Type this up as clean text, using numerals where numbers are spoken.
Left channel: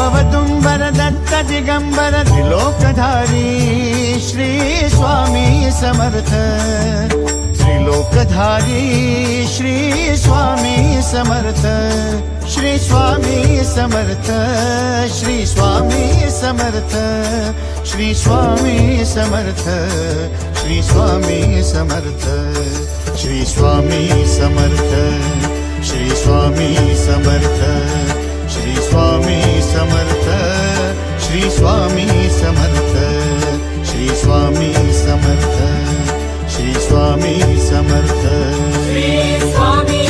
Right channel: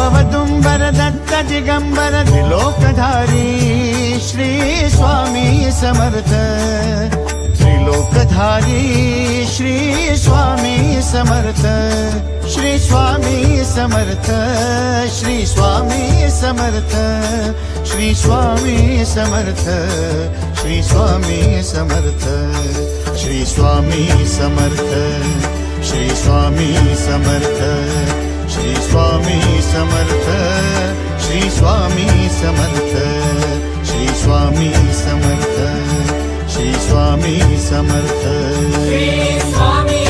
अवदुंबर Datta Digambar त्रिलोकधारी Shri Swami Samarth त्रिलोकधारी Shri Swami Samarth Shri Swami Samarth Shri Swami Samarth Shri Swami Samarth Shri Swami Samarth Shri Swami Samarth Shri Swami Samarth Shri Swami Samarth Shri Swami Samarth Shri Swami Samarth Shri Swami Samarth Shri Swami